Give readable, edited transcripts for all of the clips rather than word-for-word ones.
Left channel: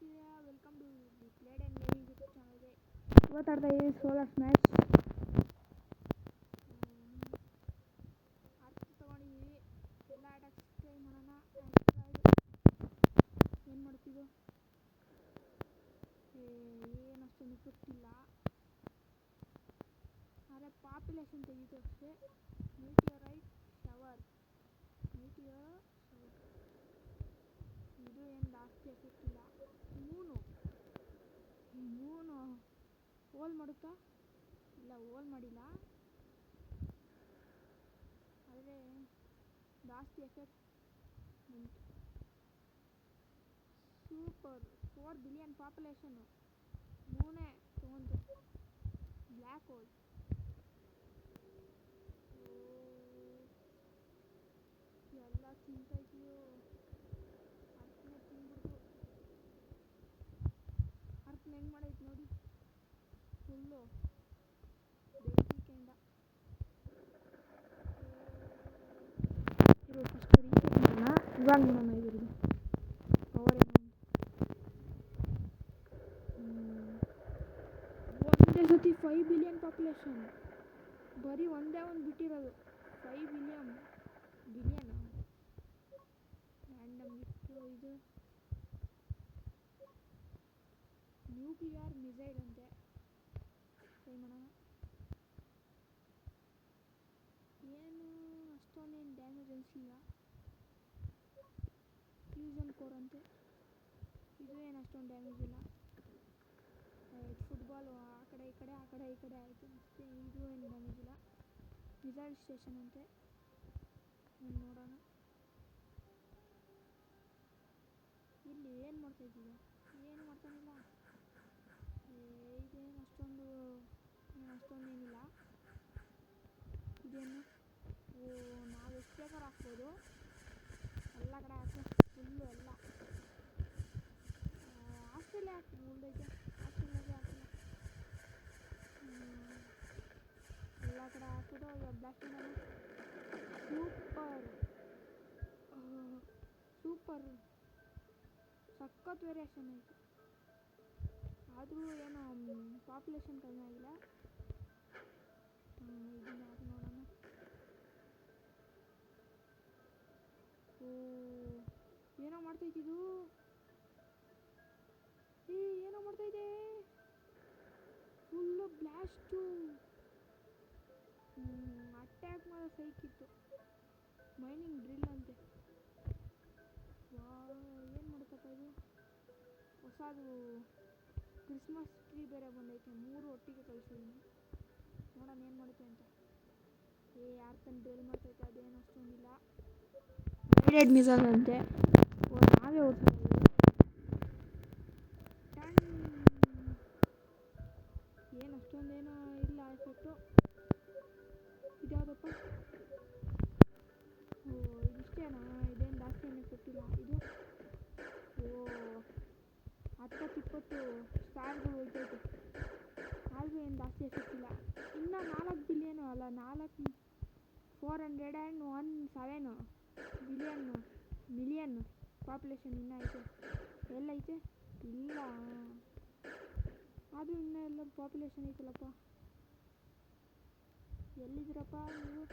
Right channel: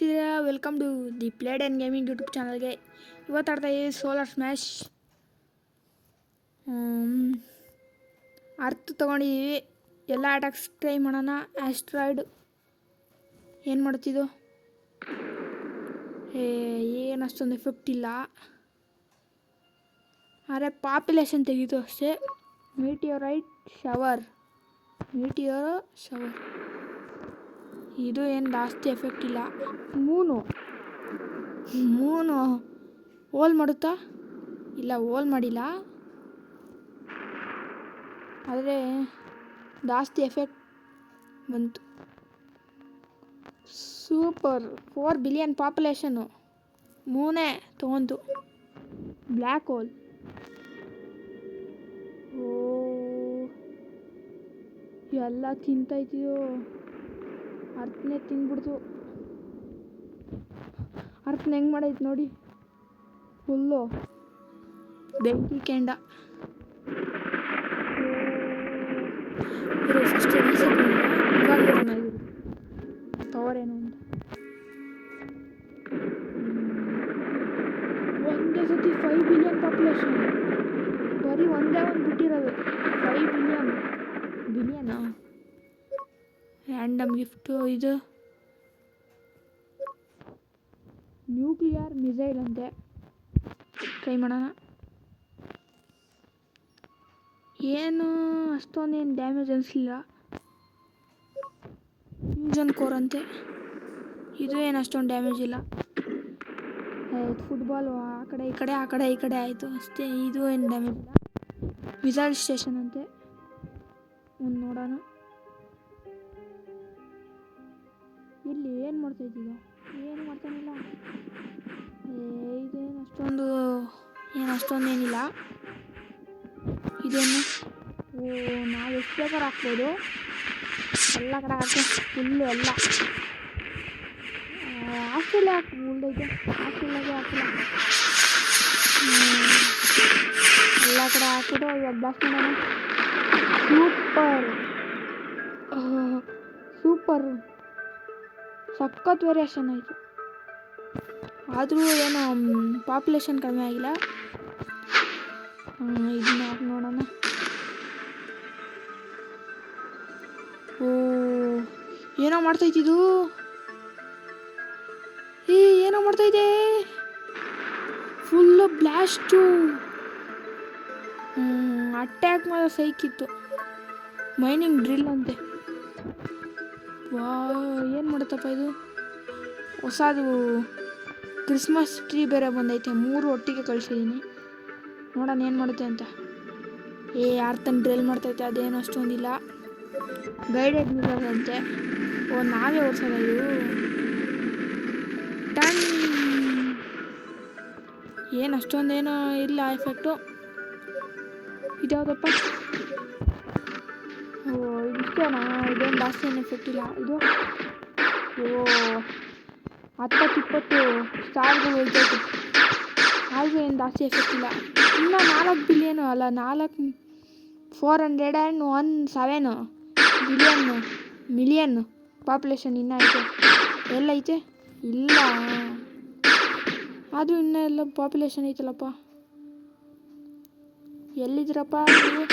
Welcome to the played and gaming YouTube ಚಾನಲ್ಗೆ. ಇವತ್ತು ಆಡ್ತಾ ಇದ್ದೀವಿ ಸೋಲಾರ್ ಸ್ಮ್ಯಾಶ್. ಅರ್ಥ ತೊಗೊಂಡಿದ್ದೀವಿ. ಎಲ್ಲ ಅಟ್ಯಾಕ್ಸ್ ಟ್ರೈ ಮಾಡೋಣ. ಆಸ್ಟ್ರಾಯ್ಡ್ ಏನು ಮಾಡ್ತಿದ್ದು? ಏನು ಅಷ್ಟೊಂದು ಎಫೆಕ್ಟ್ ಇಲ್ಲ, ಆದರೆ ಪಾಪ್ಯುಲೇಷನ್ ತೆಗೀತು ಅಷ್ಟೇ. ಮೀಟಿಯೋರೈಟ್ ಶವರ್, ಇದು ಏನು ಜಾಸ್ತಿ ಎಫೆಕ್ಟ್ ಇಲ್ಲ. ಮೂನು ಹೋಲ್ ಮಾಡುತ್ತಾ? ಇಲ್ಲ, ಹೋಲ್ ಮಾಡಿಲ್ಲ, ಆದರೆ ಜಾಸ್ತಿ ಎಫೆಕ್ಟ್ ಬಂತು. ಸೂಪರ್ 4 ಬಿಲಿಯನ್ ಪಾಪ್ಯುಲೇಷನ್ನು ಮೂನೇ ತೊಗೊಂತು. ಬ್ಲ್ಯಾಕ್ ಹೋಲ್, ಎಲ್ಲ ತಿಂತೈತಿಯೋ. ಅರ್ಥನೇ ತಿಂದ್ಬಿಡ್ತು. ಅರ್ಥನ ಹೆಂಗೆ ಮಾಡೈತೆ ನೋಡಿ, ಫುಲ್ಲು ಬೆಂಕಿ ಕೆಂಡ. ಫಸ್ಟ್ ಇವಾಗ ನೋಡೋಣ ಇವ್ರದ್ದು ಪವರ್ ಏನು ಅಂತ. ಒಂದೇ ಸತಿ 5 ಬಿಲಿಯನ್ ಪಾಪ್ಯುಲೇಷನ್, ಬರೀ ಒಂದೇ ಒಂದು ಬಿಟ್ಟಿರೋದು. 5 ಬಿಲಿಯನಾ? Random gift. ಇದು ನ್ಯೂಕ್ಲಿಯರ್ ಮಿಸೈಲ್ ಅಂತೆ, ಟ್ರೈ ಮಾಡೋಣ. ಏನು ಅಷ್ಟೊಂದೇನು ಡ್ಯಾಮೇಜ್ ಅನಿಸಲಿಲ್ಲ. ಫ್ಯೂಷನ್ ಕೋರ್ ಅಂತೆ, ಇದು ಏನು ಅಷ್ಟೊಂದು ಡ್ಯಾಮೇಜ್ ಇಲ್ಲ. ಫುಟ್ಬಾಲು ಆ ಕಡೆ ಈ ಕಡೆ ಆಯಿತು ಅಷ್ಟೇ. ಇದು ಏನು ಡ್ಯಾಮೇಜ್ ಇಲ್ಲ. ಮಿಸೈಲ್ ಸ್ಟೇಷನ್ ಅಂತೆ, ಒಂದು ನೋಡೋಣ. ಇಲ್ಲಿ ಏನು ಮಾಡ್ತಾಯಿದ್ದೀಗ? ಏನು ಮಾಡ್ತಾನಿಲ್ಲ. ಇದೇನು ಅಷ್ಟೊಂದೇನಿಲ್ಲ. ಇದೇನು ನಾವು ಎಷ್ಟು ಬೇಕಾದ್ರೂ ಹಾಕ್ಬೋದು. ಎಲ್ಲ ಕಡೆ ಹಾಕಿ ಫುಲ್ಲು ಎಲ್ಲ ಆಸ್ಟ್ರೇಲಿಯಾ ಉಳ್ದೈತೆ. ಆಸ್ಟ್ರೇಲಿಯಾಗೆ ಹಾಕಿಲ್ಲ, ಎಲ್ಲ ಕಡೆ ಹಾಕಿದ್ರು. ಇವಾಗ ಬ್ಲಾಸ್ಟ್ ಮಾಡೋಣ. ಸೂಪರ್ ಸಖತ್ ವೇರಿಯೇಷನ್ ಆಯಿತು. ಆದರೂ ಏನೋ ಪಾಪ್ಯುಲೇಷನ್ ಕಡಿಮೆ ಆಗಿಲ್ಲ. ಇದನ್ನ ಹಾಕಿ ನೋಡೋಣ. ಏನೋ ಮಾಡ್ತೈತಿದು. ಏನೋ ಮಾಡ್ತೈತೆ. Full blast. ಅಟ್ಯಾಕ್ ಮಾಡೋ ಸೈಕಿತ್ತು. ಮೈನಿಂಗ್ ಡ್ರಿಲ್ ಅಂತೆ. ಏನು ಮಾಡುತ್ತಪ್ಪ ಇದು? ಹೊಸದು ಕ್ರಿಸ್ಮಸ್ ಟ್ರೀ ಬೇರೆ ಬಂದೈತೆ. 3 ಒಟ್ಟಿಗೆ ಕಳಿಸಿದ್ದೀನಿ, ನೋಡೋಣ ಏನು ಮಾಡುತ್ತೆ ಅಂತ. ಅರ್ಥನ ಡ್ರಿಲ್ ಮಾಡ್ತೈತೆ, ಅದೇನು ಅಷ್ಟೊಂದಿಲ್ಲ. ಗೈಡೆಡ್ ಮಿಸೈಲ್ ಅಂತೆ. ನಾವೇ ಓಡಿಸೋದ ಇದು? ಟನ್. ಏನು ಅಷ್ಟೊಂದೇನೋ ಇಲ್ಲ ಎಫೆಕ್ಟು. ಇದ್ಯಾವುದಪ್ಪ? ಇದಿಷ್ಟೇನಾ? ಇದೇನು ಜಾಸ್ತಿ ಏನು ಎಫೆಕ್ಟ್ ಇಲ್ಲ. ಇದು 10-20 ಸ್ಟಾರ್ಗಳು ಹೋಗ್ತೈತೆ, ಆದರೂ ಏನು ಜಾಸ್ತಿ ಎಫೆಕ್ಟ್ ಇಲ್ಲ. ಇನ್ನೂ 4 ಬಿಲಿಯನು ಅಲ್ಲ, 417 ಮಿಲಿಯನ್ ಪಾಪ್ಯುಲೇಷನ್ ಇನ್ನೂ ಐತೆ. ಎಲ್ಲೈತೆ? ಇಲ್ಲ, ಆದರೂ ಇನ್ನೂ ಎಲ್ಲ ಪಾಪ್ಯುಲೇಷನ್ ಐತಲ್ಲಪ್ಪ. ಎಲ್ಲಿದ್ದೀರಪ್ಪ ನೀವು?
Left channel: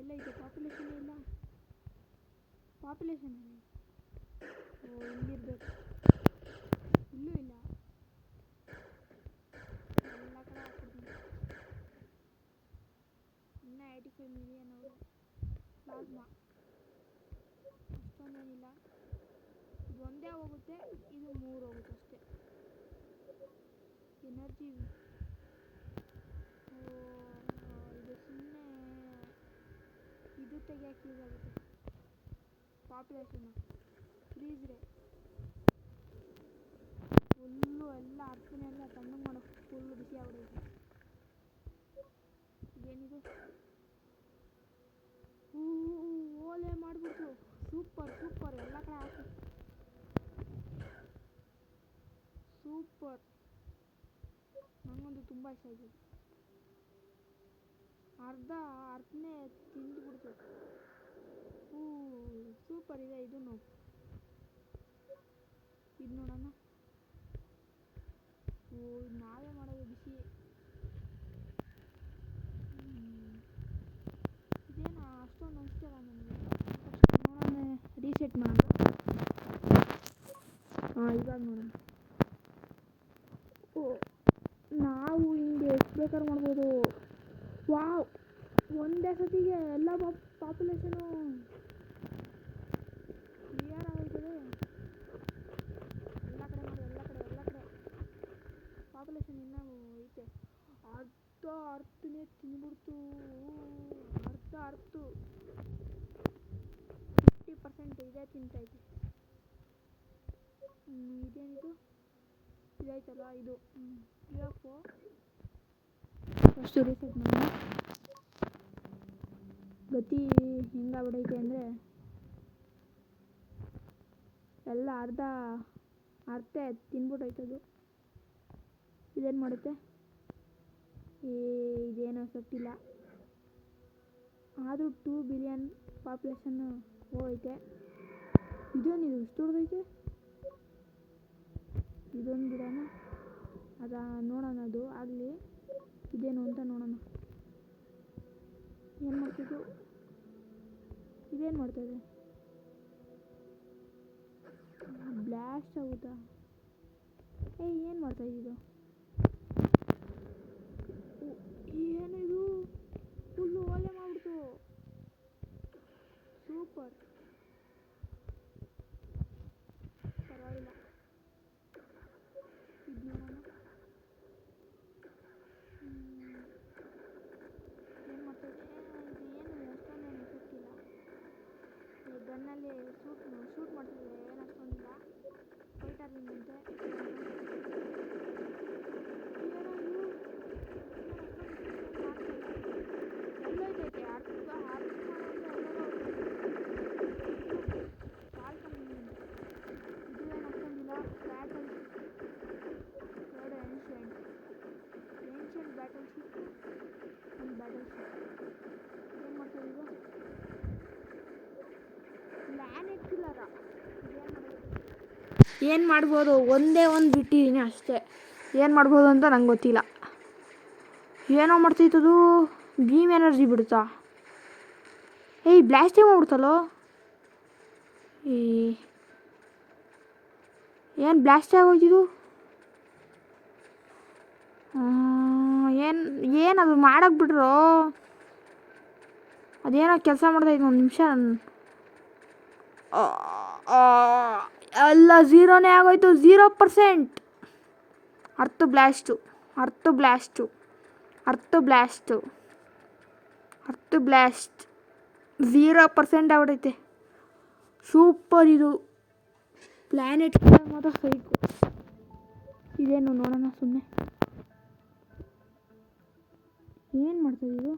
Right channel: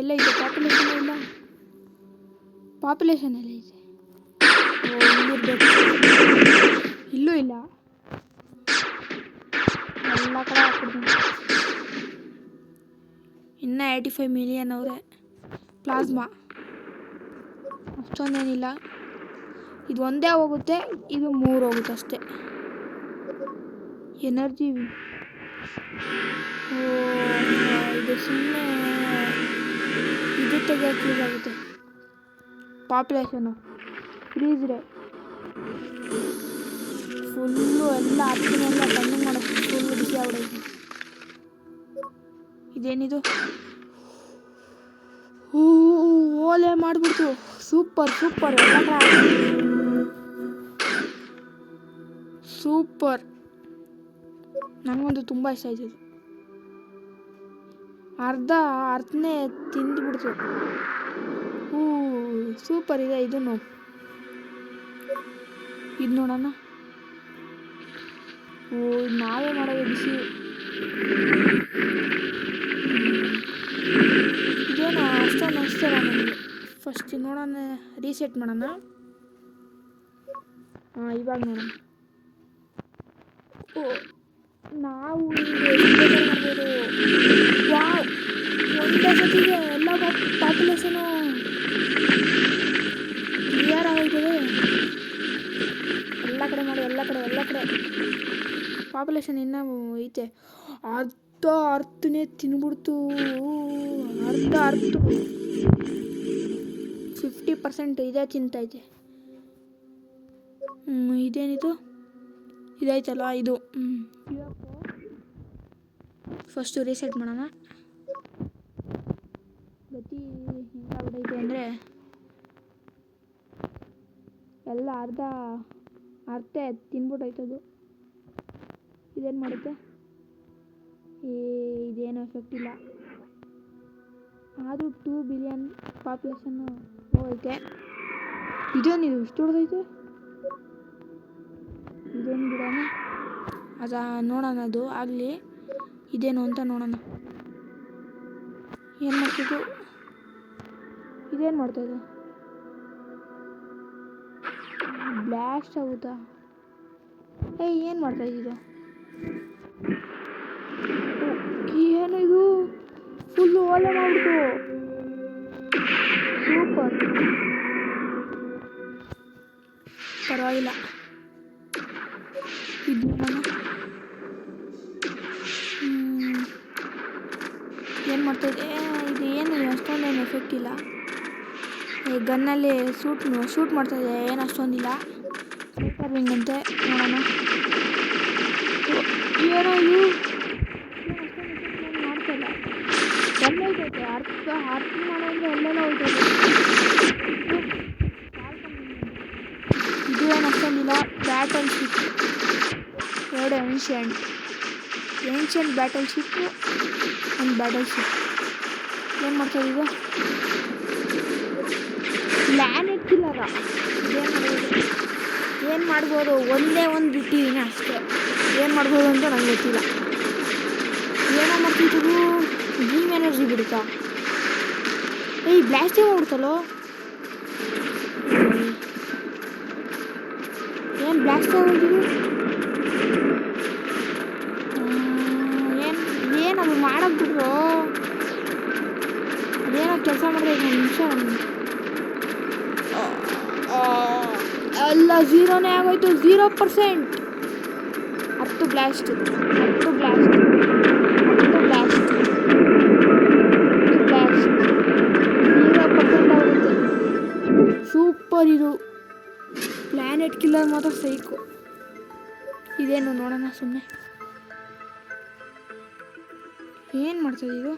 ಎಲ್ಲೈತೆ ಪಾಪ್ಯುಲೇಷನ್? ಇಲ್ಲ, ಪಾಪ್ಯುಲೇಷನ್ ಎಲ್ಲೈತೆ? ಇಲ್ಲಿರ್ಬೇಕು. ಇಲ್ಲೂ ಇಲ್ಲ, ಎಲ್ಲ ಕಡೆ ಹಾಕ್ಬಿಡ್ತೀನಿ. ಇನ್ನೂ 85 ಮಿಲಿಯನ್ ಅವರೇ. ಪ್ಲಾಸ್ಮಾ ಅಷ್ಟೊಂದೇನಿಲ್ಲ. ಇದು ಒಂದೇ ಹೋಗುತ್ತೆ, ಇದು 3 ಹೋಗುತ್ತೆ ಅಷ್ಟೇ. ಎನರ್ಜಿ ಇದು ಸುಮ್ಮನೆ ಇದು ತೆಗಿಯೋಕ್ಕೆ ಯೂಸ್ ಆಗುತ್ತೆ. ಪಾಪ್ಯುಲೇಷನು ಫ್ರೀಸ್ರೆ ಫುಲ್ಲು ಎಲ್ಲ ಹತ್ತಿನೆಲ್ಲ ಕಣ್ಣಿಂಗ್ ಮಾಡೋಕ್ಕೆ ಫುಲ್ಲು ಬಿಸಿ ಆಗ್ಬಿಡೈತೆ. ಇದೇನಿದು? ಓಲೆ ಮಾಡಿಬಿಡ್ತು. ಸೂಪರ್ ಎಲ್ಲ ಸೂಪರ್. ನನಗಂತೂ ತುಂಬ ಇಷ್ಟ ಆಯ್ತು. ಅರ್ಥನೇ ತಿಂದುಬಿಡ್ತು. ಸೂಪರ್ ಇದೆ. ಇದನ್ನು ಇದು ನೋಡೋಣ. ಓ ನಾವೇ ಮಾಡೋದು ಬಿಸಿ. ಇದೇನು ಅಷ್ಟೊಂದು ಅನಿಸ್ತಲ್ಲ ನನಗೆ. ಫಸ್ಟ್ ನೋಡೋಣ, ರೀಸೆಟ್ ಮಾಡೋಣ. ಇವಾಗ ನೋಡೋಣ. ಓ ನಾವು ಹಿಂಗೆ ಮಾಡ್ಬೋದು. ವಾವ್, ಒಂದೇ ಸತಿಗೆ ಎಲ್ಲ ಪಾಪ್ಯುಲೇಷನು ಕ್ಲಿಯರ್ ಆಗೋಯ್ತದೆ. ಎಲ್ಲ ಕಡೆ ಮಾಡಿ, ಎಲ್ಲ ಕಡೆ ಪಾಪ್ಯುಲೇಷನ್ ಇನ್ನೂ ಐತೆ. ಅರ್ಥನೇ ತಿನ್ಬಿಡ್ತು. ಅರ್ಧ 50% ಇದೇ ತಿಂತೈತೆ. ಇದೇನಿದು? ಇದೈತಲ್ಲ ಇದು. ಫಸ್ಟು ರೀಸೆಟ್ ಮಾಡೋಣ. ಗತಿ ಹೆಂಗಾಗ್ಬಿಡೈತೆ ಅಂದರೆ ಎಲ್ಲ ಅರ್ಧ ತಿನ್ಬಿಟ್ಟೈತದು. ಇದೇನು ಮಾಡುತ್ತೆ? ಇದೇನು ಎಫೆಕ್ಟ್ ಇಲ್ಲ. ಆದರೂ 2 ಬಿಲಿಯನ್ ಪಾಪ್ಯುಲೇಷನ್ನು ಹೋಗೈತೆ. ಇದೇನಿದು ಇಷ್ಟು ಹೊಡೆದೈತೆ? ಇದೇನು ಬಿಡೋಣ, ಅದು ನೋಡೋಣ. ಅದು ಆಗಲಿ, ಇದೇನು ಅಂತ ನೋಡೋಣ. ಏನು ಮಾಡ್ತಿದ್ದು? ಇದೇನು ಮಾಡ್ತಾಯಿದೆ? ಬ್ಲಾಸ್ಟ್ ಆಗುತ್ತಾ? ಏನು ಮಾಡ್ತಾಯಿದ್ದು? ಏನು ಇದು? ಫುಲ್ಲು ಓಲೆ ಮಾಡ್ಬಿಟ್ಟು. ಸೂಪರ್, ಪರವಾಗಿಲ್ಲ. ಇದು ಏನು ಮಾಡ್ತಾಯಿದ್ದೆ? ಇದು ಏನು ಅಷ್ಟೊಂದೇನು ಎಫೆಕ್ಟ್ ಇಲ್ಲ. ಗನ್ನಲ್ಲಿ ಶೂಟ್ ಮಾಡ್ತಾಯಿದ್ದೆ, ಏನು ಅಷ್ಟೊಂದಿಲ್ಲ. ಸೂಪರ್ ಅಂತೆ. ನೋಡೋಣ. ಏನೋ ಇದು ಮಾಡ್ತಾಯಿಲ್ಲ. ಎಲ್ಲ ಹೋಯ್ತೈತೆ. ಅರ್ಥ ಮಾಡೋದ್ರೆ ಎಲ್ಲೆಲ್ಲ ಹೋಯ್ತೈತೆ. ಇದು ಏನು ಅಷ್ಟೊಂದಿಲ್ಲ. Battleship 2 ancient battleship, ಒಂದು ಬ್ಯಾಟಲ್ ಶಿಪ್. ಏನು ಮಾಡ್ತಾರೆ ಇದು? ಪ್ಲ್ಯಾನೆಟ್ ಕಿಲ್ಲರ. ಏನು ಮಾಡ್ಬೋದು? ಒಂದೇ ಒಂದು ಬಿಟ್ಟಿದ್ದೀನಿ ಅಷ್ಟೇ. ಏನು ಮಾಡ್ಬೋದು ಅಂತ ನಂಗೆ ಗೊತ್ತಿಲ್ಲ. ಏನೋ ಮಾಡ್ತಿತ್ತು. ಗೀಮ್ ಎನರ್ಜಿ ಬಿಡುತ್ತಾ? ಬ್ಲಾಸ್ಟೇ ಮಾಡ್ಬಿಡ್ತಲ್ಲೋ. ಏನು ಬ್ಲಾಸ್ಟ್ ಆಗೋಗಿದ್ದು? ಏನದು ಮಾಡಕ್ಕೆ ಬಿಟ್ರು? ಅದೇನೋ ಕೆಲಸ ಮಾಡ್ದೈತೆ. ಒಂದು ನಿಮಿಷ. ಎಲ್ಲ ಝೀರೋನೇ ಆಗೋಯ್ತು. 0%. ಅರ್ಥ ಬ್ಲಾಸ್ಟ್ 0% ಆಗುತ್ತೆ. ಸೂಪರ್ ಇದು. ಪ್ಲ್ಯಾನೆಟ್ ಕಿಲ್ಲರ್ ಮಾತ್ರ ಸೈಕು. ಇದೇನು ನೋಡೋಣ ಸುಮ್ಮನೆ. ಏನು ಮಾಡ್ತದೆ ಇದು?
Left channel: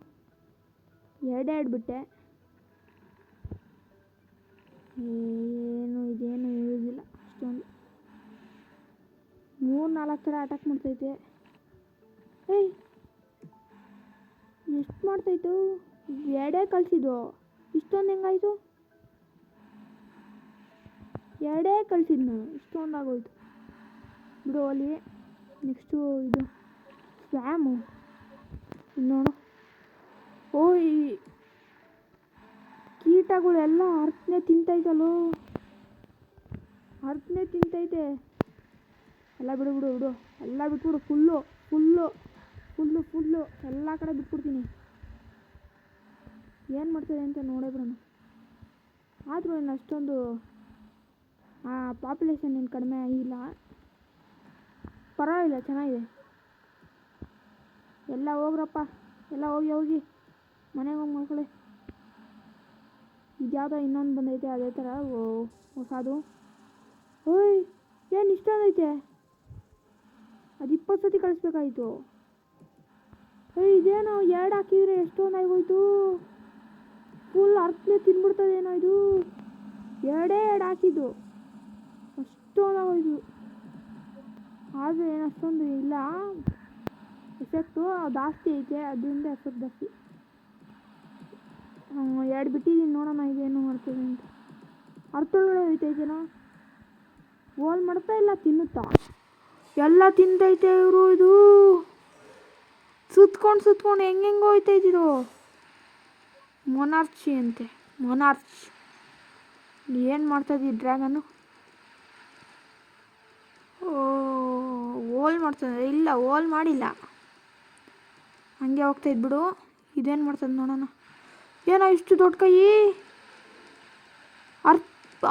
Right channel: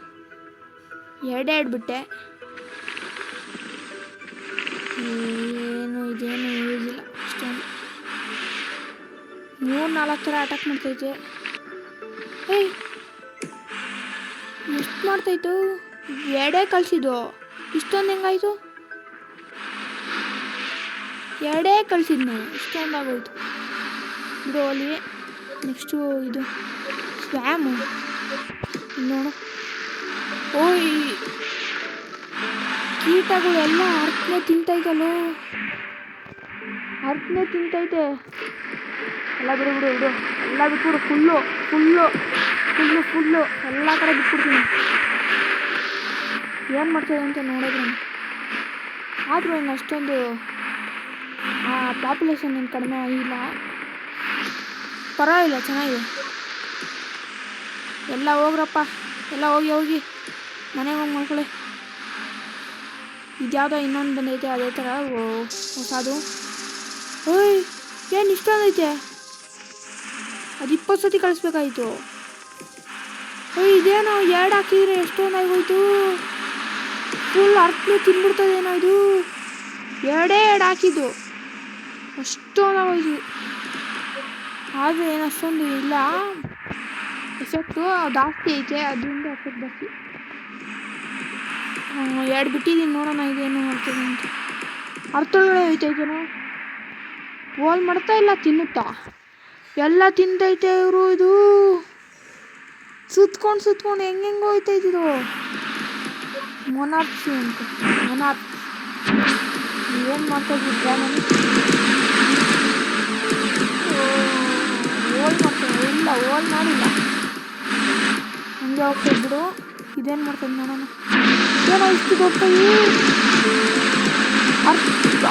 ಎರಡೆರಡು ಬಿಟ್ಟೆ. ಇದೇನು ಯೂಸ್ ಇಲ್ಲ ಅಷ್ಟೊಂದು. 3-4 ಥರ ಅಟ್ಯಾಕ್ ಮಾಡ್ತೈತೆ. ಎಷ್ಟು ಮಾಡ್ತಾಯಿತ್ತು? ಎರಡೇ ಕಳಿಸಿದ್ದು. ಇಷ್ಟೊಂದು ಹೆಂಗಾಯಿತು? ಎರಡೇ ಕಳಿಸಿದ್ದು ನಾನು. ಇಷ್ಟೊಂದು ಆಗೋಯ್ತು ಬಿಡು. ಅಲ್ಲಿ ನೆಕ್ಸ್ಟು ಇದು ಸ್ವ್ಯಾಮು ನೋಡು. ಕೀಟಗಳೆಲ್ಲ ಅರ್ಥನೇ ತಿಂತೈತಲ್ಲೋ. ಎಲ್ಲ ಬಿಡು. ಎಲ್ಲ ಬಿಟ್ಬಿಡು. ಫುಲ್ಲು ಎಲ್ಲ ಕಡೆ ಬಿಟ್ಬಿಡ್ತೀನಿ. ಏನು ಮಾಡ್ತಾಯಿದೆ ಅಂತ ನೋಡಿದ್ರೆ. ಆದರೂ ಇನ್ನು ಅಷ್ಟೊಂದು ಪಾಪ್ಯುಲೇಷನ್ ಏನು ಕಡಿಮೆ ಆಗಿಲ್ಲ. ಪರವಾಗಿಲ್ಲ, ಚೆನ್ನಾಗಿದೆ. ಎಲ್ಲ ಹೋಗ್ರಪ್ಪ, ಎಲ್ಲ ಹೋಗಿ ಮನೆಗೆ ಹೋಗಿ ಮಾಡ್ಕೊಳ್ಳಿ. ಇದ್ಯಾವುದೋ ಇನ್ನೊಂದು ಬಂದೈತೆ ಅದೇ ಥರ ಹೊಸದು. ಏನು ಇಷ್ಟೊಂದೈತೆ? ಅದು 20 ಸತಿ ಕಳಿಸ್ಬೇಕಾಯಿತು. ಇದೇನೋ 2 ಹಾಕಿದ್ರೆ ಎಷ್ಟೊಂದು ಆಗೋಯ್ತು. ಫುಲ್ ಅರ್ಥನೇ ತಿನ್ಬಿಡ್ತದೇನೋ ಇದು. 2 ಹಾಕಿದ್ದು ಅಷ್ಟೊಂದು ಆಗೋಯ್ತು. ಆದರೆ ಏನು ಅಷ್ಟೊಂದು ಇಲ್ಲ ಎಫೆಕ್ಟು. ಜಾಸ್ತಿ ಐತೆ, ಅದರಿಂದ ಎಫೆಕ್ಟ್ ಜಾಸ್ತಿ. 2 ಬಿಟ್ಟಿದ್ದೀನಿ. ನೋಡೋಣ ಇದೇನು ಮಾಡ್ತೀನಿ ಅಂತ. ಅರ್ಥೊಳಗಡೆ ಹೋಯ್ತೈತೇನೋ. ಹೋಲ್ ಮಾಡ್ತಾ ಇಲ್ಲ ತಿನ್ನುತ್ತಾ ಎಲ್ಲ ತಿಂತೈತೆ ಇವರು. ಇದು ಸುತ್ಕೊಂಡು ಹೆಂಗೆಂಗೋ ಹೋಯ್ತೈತಿದು. ಮೊನಾರ್ಚಿ ಅಂತ ಮೊನಾರ್ಚ್ ಏನು ಮಾಡ್ತಾಯಿದ್ವಿ ಡ್ರ್ಯಾಗನ್. ಹೋಲ್ ಮಾಡ್ತೇವೆ ಇಲ್ಲ ಹೋಲ್ ಮಾಡಿಲ್ಲ ಹಂಗೆ ಹೋಗ್ತದೆ ಬಿಡು. ಇದೇನು ಮಾಡ್ತದೆ ನೋಡೋಣ. ಏನೋ ಇಷ್ಟು ದೊಡ್ಡ ಕೈ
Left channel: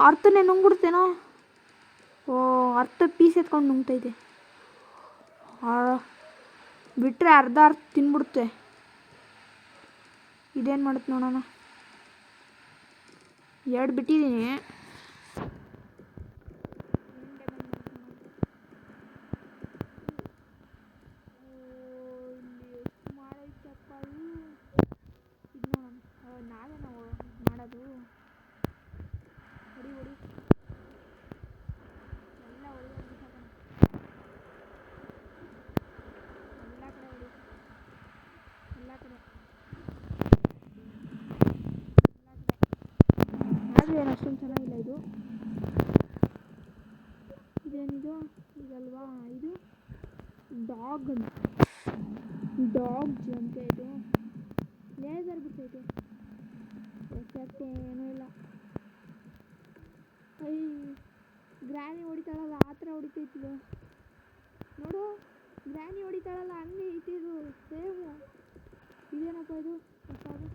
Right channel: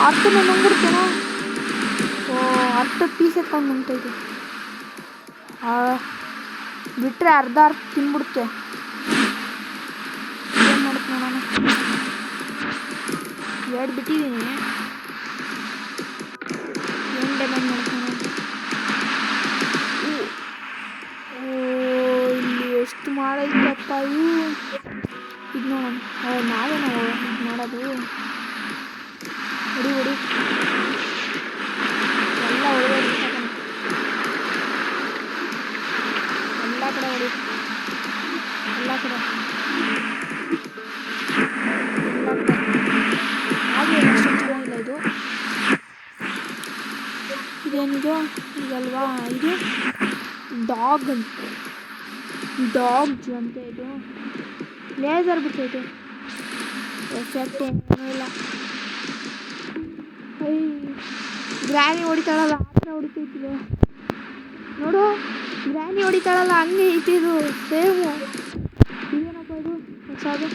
ಅರ್ಥನೇ ನುಂಗ್ಬಿಡ್ತೇನೋ. ಅರ್ಥದ ಪೀಸ್ ಎತ್ಕೊಂಡು ನುಂಗ್ತೈತೆ. ಬಿಟ್ಟರೆ ಅರ್ಧ ತಿನ್ಬಿಡುತ್ತೆ. ಏನು ಮಾಡುತ್ತೆ ನೋಡೋಣ. 2 ಬಿಟ್ಟಿದ್ದೀನಿ. ಏನು ಡ್ಯಾಮೇಜ್ ಮಾಡುತ್ತೆ ನೋಡೋಣ. ಇಲ್ಲಿ ಎಷ್ಟು ಮಾಡೈತಪ್ಪ ಇದು ನೋಡೋಣ. ನಾವೇ ಇದು ಮಾಡೋದು. ಹೊಡಿ ಎಲ್ಲ ಹೊಡೆದ ಎಲ್ಲ ಕಡೆ ಹೊಡಿ. ಎಲ್ಲ ಕಡೆ ಹಾಗೆ ಅಷ್ಟೊಂದು ಚೆನ್ನಾಗಿಲ್ಲ ಇದು. ಇದೇನಿದು ಇದಲ್ವಾ ಇದು ಡಾಗ್ ಅಂತ ಇದು ಲೇಸರ್ ಬಿಟ್ಟೈತೆ. ಎಫೆಕ್ಟ್ ಏನೂ ಇಲ್ಲ. ಗ್ರ್ಯಾನಿ ಹೊಡಿತಾಳಲ್ಲ ಆ ಥರ ಹೊಡಿತೈತಿದು ನೋಡು. ಗ್ರ್ಯಾನಿ ಹೊಡಿತಾಳಲ್ಲ ಹಂಗೆ ಐತಿದು ಸೇಮು. ಇದೇನಪ್ಪ ಇದು ಹೊಸದು.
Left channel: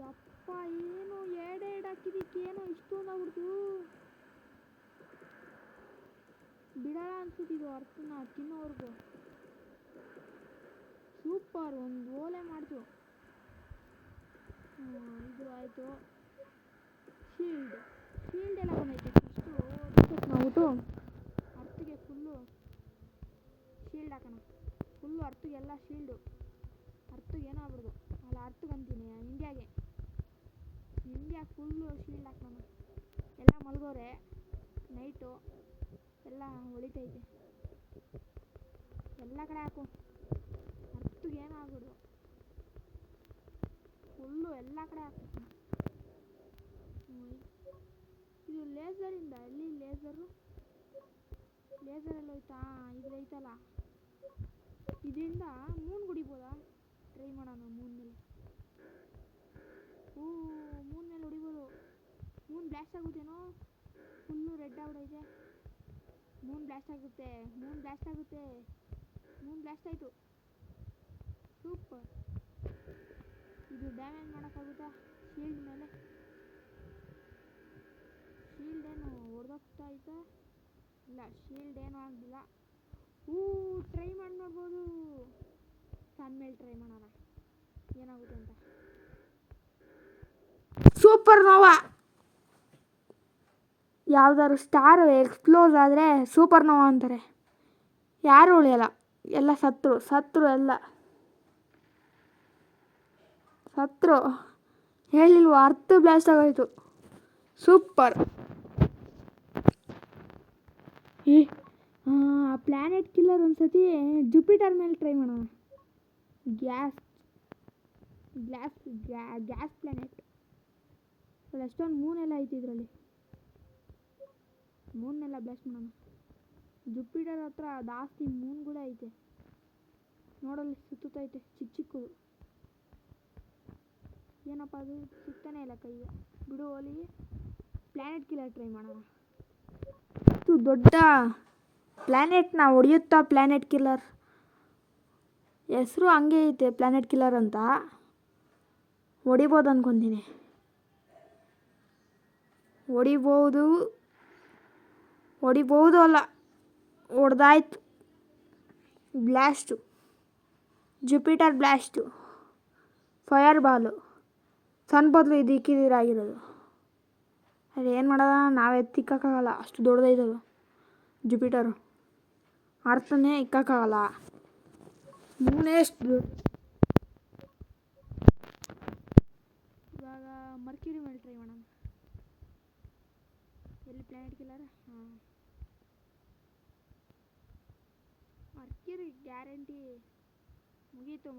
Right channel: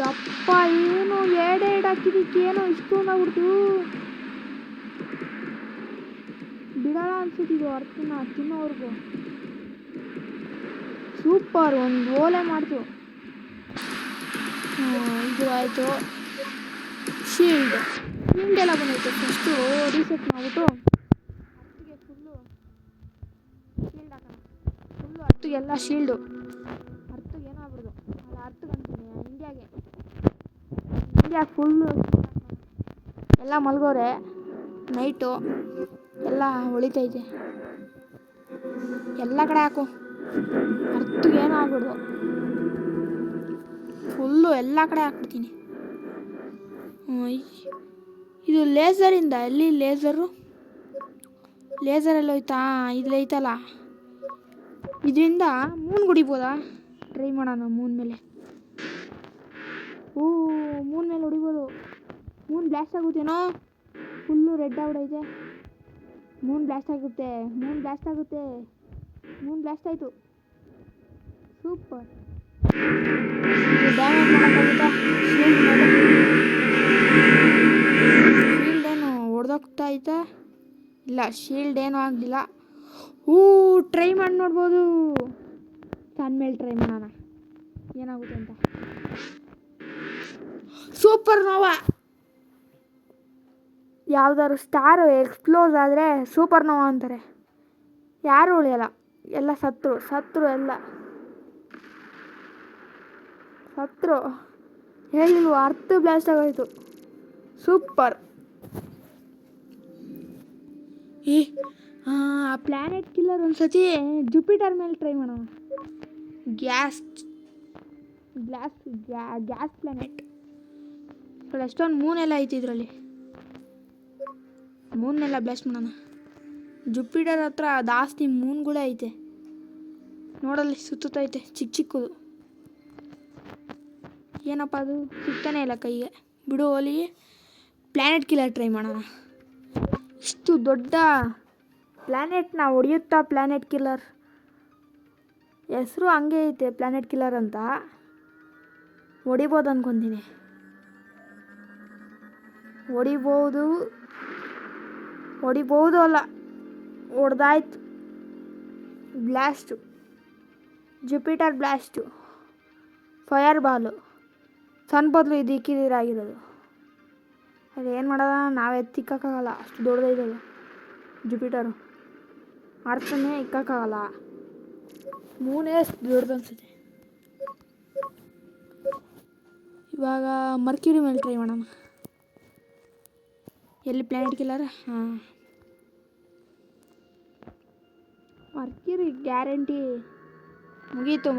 ಯಪ್ಪ ಏನು ಎಡೆ ಹಾಕಿದ್ದಕ್ಕೆ ಏನೋ ಇಷ್ಟೊಂದು ಆಗ್ಬಿಡ್ತು. ಬಿಡಲ್ಲ ಅನ್ಸುತ್ತಿದ್ದು ಅರ್ಥನ ತಿನ್ನೋವರೆಗೂ. ಸೂಪರ್ ಒಂದು ಓಲೆ ಮಾಡ್ತು. ಇದು ಆಯಿತು. ಶೀಲ್ಡ್ ಎಲ್ಲ ಬಂದೈತೆ. ಫಸ್ಟು ರೀಸೆಟ್ ಮಾಡಿಬಿಟ್ಟು ಅರ್ಥಗೆ ಫುಲ್ಲು ಶೀಲ್ಡ್ ಹಾಕೋಣ. ಫುಲ್ಲು ಅರ್ಥಗೆಲ್ಲ ಶೀಲ್ಡು. ಅರ್ಥಗೆ ಏನೋ ಆಗ್ಬಿಡ್ದು ಅಲ್ಲ ಅರ್ಥಗೆ ಅಂತೀನಿ ಇಂಡಿಯಾಗೆ ಫುಲ್ಲು ಶೀಲ್ಡ್ ಹಾಕೋಣ. ಎಲ್ಲ ಮಲ್ಗೋರೆ ನೈಟು ಎಲ್ಲ ಹೊಳಿತೈತೆ. ಎಲ್ಲ ಕಡೆ ಹಾಕು ಅರ್ಥಗೆ ಏನೋ ಆಗ್ಬಿಡ್ದು. ಫುಲ್ಲು ಎಲ್ಲ ಕಡೆ ಹಾಕ್ಬಿಡ್ತೀನಿ. ಇದು ಲೇಸರಿಂದ ಎಲ್ಲಿ ಲೇಸರಲ್ಲಿ ಹೋಯ್ತಾ. ಇದು ಐತಲ್ಲ ಇದರಿಂದ ಮೂನ್ ಹೊಡಿಬೋದಾ. ಟ್ರೈ ಮಾಡೋಣ ಮೂನ್ ಮೇಲೆ. ಮೂನ್ ಮೇಲೆ ಹೊಡಿಬೋದು. ಮೂನ್ ಬ್ಲಾಸ್ಟ್ ಆಗುತ್ತೇನೋ. ಫುಲ್ಲು ರೆಡ್ ಆಗ್ಬಿಡೈತೆ. ಮೂನ್ ಬ್ಲಾಸ್ಟ್ ಆಗುತ್ತೆ. ಮೂನ್ ಬ್ಲಾಸ್ಟ್ ಆಯಿತು. ಸೂಪರ್. ಡ್ಯಾಮೇಜ್ ಮಾಡೋಕ್ಕಾಗುತ್ತಾ. ಶೀಲ್ಡ್ ಏನು ಹೊಡೆದೋಗ್ತಾ ಐತೆ. ಇಲ್ಲ ಶೀಲ್ಡ್ ಏನೂ ಆಗಲಿಲ್ಲ. ಟ್ರೈ ಮಾಡಿ ನೋಡ್ಬೋದು. ಸಣ್ಣ ಮೇಲೆ ಟ್ರೈ ಮಾಡೋಣ ಏನಾಗುತ್ತೆ ಅಂತ. ಸೂಪರ್ ನೋವಾ. ಯಾವ್ದಾದ್ರು ಸ್ಟಾರ್ ಎಕ್ಸ್ಪ್ಲೋಸ್ ಆದರೆ ಸೂಪರ್ ನೋವಾ ಅಂತಾರೆ. ಯಾರೂ ಉಳಿಯಲ್ಲ. ಎಲ್ಲ ಸತ್ರು ಎಲ್ಲ ಹೇಳಿಲ್ವ. ಅರ್ಥ ಬ್ಲಾಸ್ಟ್ ಆಗೋಯ್ತು. ಸೂಪರ್. ಆ ಪ್ಲ್ಯಾನೆಟ್ ಕಿಲ್ಲರ್ ಒಂದ್ಸತಿ ಜುಪಿಟರ್ ಮೇಲೆ ಟ್ರೈ ಮಾಡೋಣ. ಗ್ಯಾಸ್ ಪ್ಲ್ಯಾನೆಟ್ ಎಷ್ಟೊಂದು ಮೂನೆಲ್ಲ ಐತಿ ಇದರಲ್ಲಿ. ಮೂನ್ನೆಲ್ಲ ಬ್ಲಾಸ್ಟ್ ಮಾಡೋಣ. ಜುಪಿಟರ್ ಹತ್ರ ಜಾಸ್ತಿ ಮೂನ್ಗಳೇ ಐತೆ. ನೋಡಲ್ಲಿ ಸುತ್ತೈತೆ ಚಿಕ್ಕದು. ಏನಪ್ಪ ಅದು ಸಿಗ್ತಾನೆ ಇಲ್ಲ ಕೈಗೆ. ಬಿಡು ಹೋಲಿ. ಪ್ಲ್ಯಾನೆಟ್ ಕಿಲ್ಲರ್ ಟ್ರೈ ಮಾಡೋಣ. ಇಷ್ಟು ದೊಡ್ಡ ಪ್ಲ್ಯಾನೆಟ್ನ ಹೊಡೆಯುತ್ತಾ ಪ್ಲ್ಯಾನೆಟ್ ಕಿಲ್ಲರ್. ಹೆಸರು ಹಂಗೆ ಐತೆ ಪ್ಲ್ಯಾನೆಟ್ ಕಿಲ್ಲರ್ ಅಂತ. ಹೊಡಿಬೋದು ಅಂದ್ಕೊತೀನಿ. ಹೊಡಿಬೋದು ಅಲ್ಲ ಹೊಡೆದಾಯ್ತು. Blast Jupiter blast fireball. ಸಣ್ಣ ಬದಲು ಇದು ಇಕ್ಕಿದಿರಾಗಿರೋದು. ಅದು ಏನು ಮಾಡೋದ. ನಾವೇ ತಿಕ್ಕೋಕ್ಕಾಗಲ್ಲ ಅಷ್ಟು ದೊಡ್ಡದೈತಲ್ಲ ಜುಪಿಟರು. ಅರ್ಥನೇ ಇಕ್ಕೋಕ್ಕಾಗಲ್ಲ. ಮೂನೇ ಅಷ್ಟು ದೊಡ್ಡದು ಅನ್ಸುತ್ತೆ. ಇವಾಗ ಮರ್ಕ್ಯೂರಿ ಮೇಲೆ ಟ್ರೈ ಮಾಡೋಣ. ಎಲ್ಲಿ ಪ್ಲ್ಯಾನೆಟ್ ಕಿಲ್ಲರ್. ಮರ್ಕ್ಯೂರಿ ಗ್ಯಾರಂಟಿ ಮುಗೀತು.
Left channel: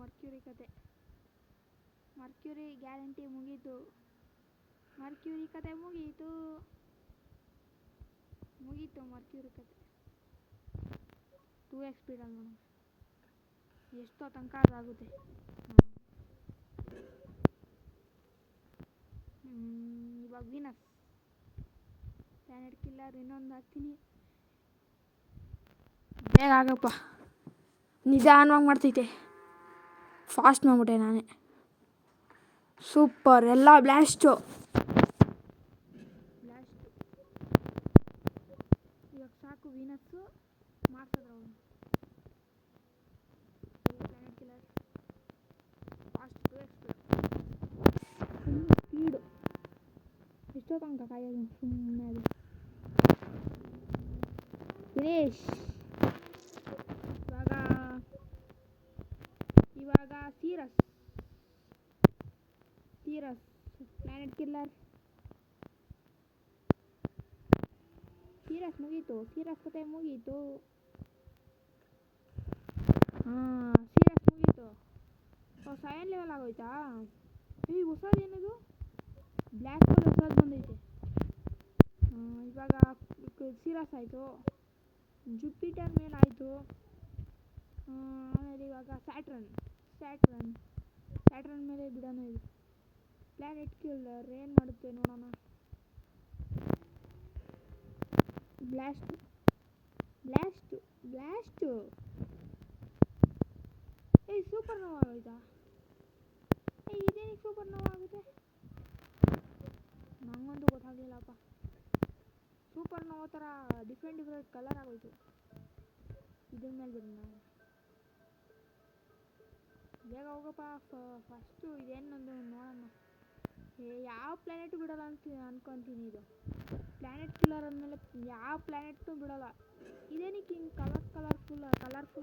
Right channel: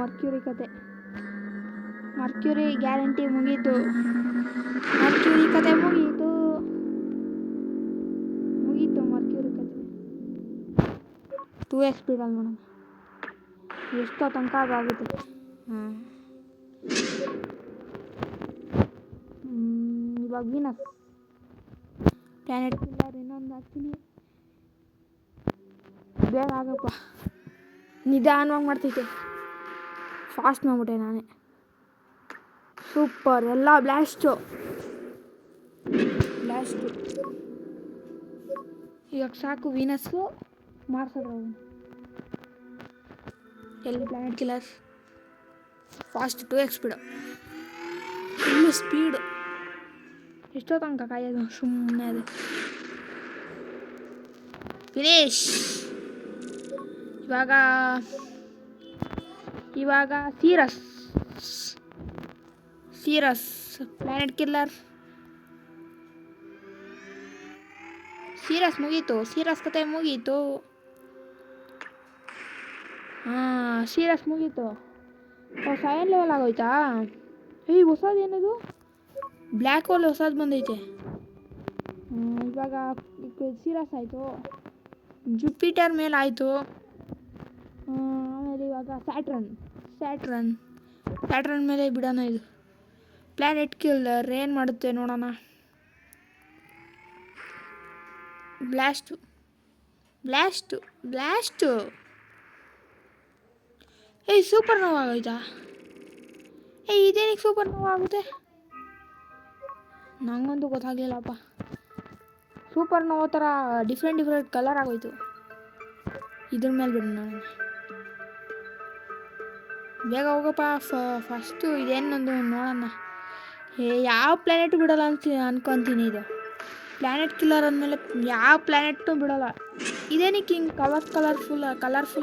ಮರ್ಕ್ಯೂರಿ ಕತೆ ಮುಗೀತು. 2x ಸ್ಪೀಡಲ್ಲಿ ನೋಡೋಣ ಎಷ್ಟೋ ತನಕ ಆಗುತ್ತೆ. ಇವಾಗ ವೀನಸ್ ಪ್ಲಾನೆಟ್ ಕಿಲ್ಲರ್ ಇನ್ನೊಂದು ಹಾಕ್ತೀನಿ. ಬೇಗ ಆಗಪ್ಪ, ನಿಧಾನವಾಗಿ ಮಾಡ್ತೈತೆ. ಫಾಸ್ಟ್ ಮಾಡ್ಬಿಟ್ಟೆ ನಾನೇ. ಸೂಪರ್, ಎಲ್ಲ ಬ್ಲಾಸ್ಟು. ಇವಾಗ ಸಾಕು ವೀನಸ್ಸು ಮಾರ್ಸೋದು. ಎಲ್ಲಿ planet killer fast 2x speed, full speed. ಎಷ್ಟೋ ತನಕ ಕಾಯೋದು ಸುಮ್ಮನೆ ಅದು. ಫಿನಿಶ್. ಇವಾಗ ಸೀರಸ್ ಪ್ಲಾನೆಟ್ ಕಿಲ್ಲರ್. ಮುಗೀತು, ಸೀರಸ್ ಕತೆ ಮುಗೀತು. ಸೀರಸ್ ಮುಗೀತು. 7 ಲೆವೆಲ್ ಆಗೋಯ್ತಾ? ಹೊಸದು ಏನದು? ಬ್ಲ್ಯಾಕ್ ಹೋಲ್ ಹೊಸದು ಬಂದೈತೆ. ಇವಾಗ ಸೀರಸ್ ಆಯಿತು, ಜುಪಿಟರ್ ಮೇಲೆ ಆಯಿತು. ಆಮೇಲೆ ಇವಾಗ ಸ್ಯಾಟ್ರನ್ ಮೇಲೆ ಬಿಡೋಣ. ಇದು ಪ್ಲಾನೆಟ್ ಕಿಲ್ಲರ್ ಏನು ಮಾಡುತ್ತೆ ನೋಡೋಣ. ಬ್ಲಾಸ್ಟು. ಸೂಪರ್ ನೋವಾ ಆಗೋಯ್ತಾ? ಇದೇನಿಗೆ ಸೂಪರ್ ನೋವಾ ಆಗುತ್ತೆ? ನಂಗಂತೂ ಗೊತ್ತಾಗಲಿಲ್ಲಪ್ಪ. ಸೂಪರ್ ನೋವಾ ಥರ ಡಿಫ್ರೆಂಟ್ ಕಲರ್ ಆಗೋಯ್ತು. ಇದ್ರ ಮೇಲೆ ಬಿಡೋಣ ನಾನು. ಬೇಗ ಹೋಗಪ್ಪ. ಫಸ್ಟು ಇದೇನೊಂದು ನೋಡೋಣ. ಯಾವ ಪ್ಲ್ಯಾನೆಟು ಬಿಡೋಲ್ಲ ಅನ್ಕೊತೀನಿ. ಇದು ಪ್ಲ್ಯಾನೆಟ್ ಕಿಲ್ಲರ್ ಅಂದಮೇಲೆ ಯಾವ ಪ್ಲ್ಯಾನೆಟ್ನೂ ಬಿಡೋಲ್ಲ. ಇದೇನಕ್ಕೆ ಹಿಂಗೆ ಕಲರ್ಫುಲ್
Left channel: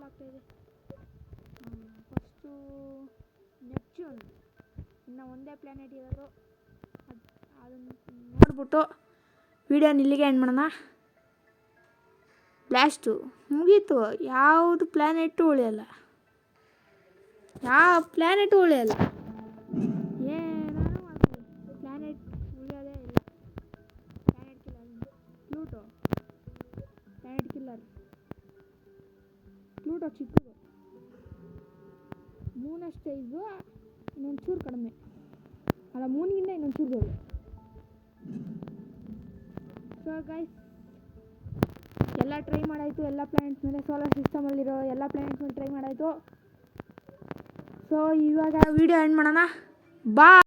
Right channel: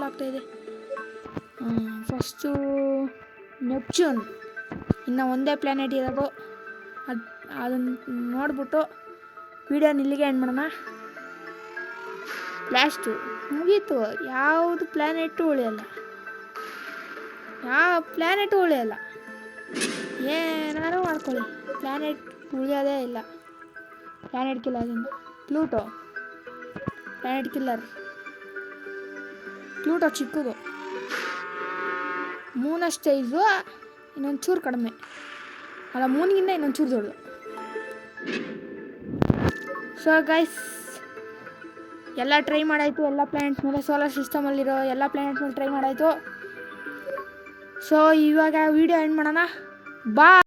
ಆಗ್ತಾಯಿದೆ? First Neptune. ಇನ್ನು ಒಂದೇ ಪ್ಲ್ಯಾನೆಟ್ ಇರೋದು. ಅದನ್ನು ನೋಡ್ಬಿಟ್ಟು ವಿಡಿಯೋನ ಇಲ್ಲಿಗೆ ಎಂಡ್ ಮಾಡೋಣ. ಬ್ಲಾಸ್ಟು ಮುಗೀತು. ಯಾವುದು ಪ್ಲ್ಯಾನೆಟು ಉಳಿಯಲ್ಲ. ಏನಾರು ಮಾಡ್ಕೊಳ್ಳಿ, ಪ್ಲ್ಯಾನೆಟ್ ಉಳಿಯೋದೇ ಇಲ್ಲ. ಪ್ಲ್ಯಾನೆಟ್ ಕಿಲ್ಲರಿಂದ ಪ್ಲೂಟೋ ಚಿಕ್ಕದು. ಮೂನಷ್ಟು ಸೈಜು, ಇನ್ನೊಂದು ಚೂರು ಕಡಿಮೆ. ಅಲ್ಲ, ಮೂನಿಗಿಂತ ಇನ್ನೊಂದು ಚೂರು ದೊಡ್ಡದು. ಸೊ ಗೈಸ್, ಎಲ್ಲ ಟ್ರೈ ಮಾಡಾಯಿತು. ಎಲ್ಲ ಪ್ಲ್ಯಾನೆಟ್ಸ್ ಮೇಲೆ, ಸೋಲಾರ್ ಸಿಸ್ಟಮಲ್ಲಿರೋ ಎಲ್ಲ ಪ್ಲ್ಯಾನೆಟ್ಸ್ ಮೇಲೆ ಟ್ರೈ ಮಾಡಾಯಿತು. ಸೊ ಇವಾಗ ವಿಡಿಯೋ ಎಂಡ್ ಮಾಡೋಣ. ಬಾಯ್.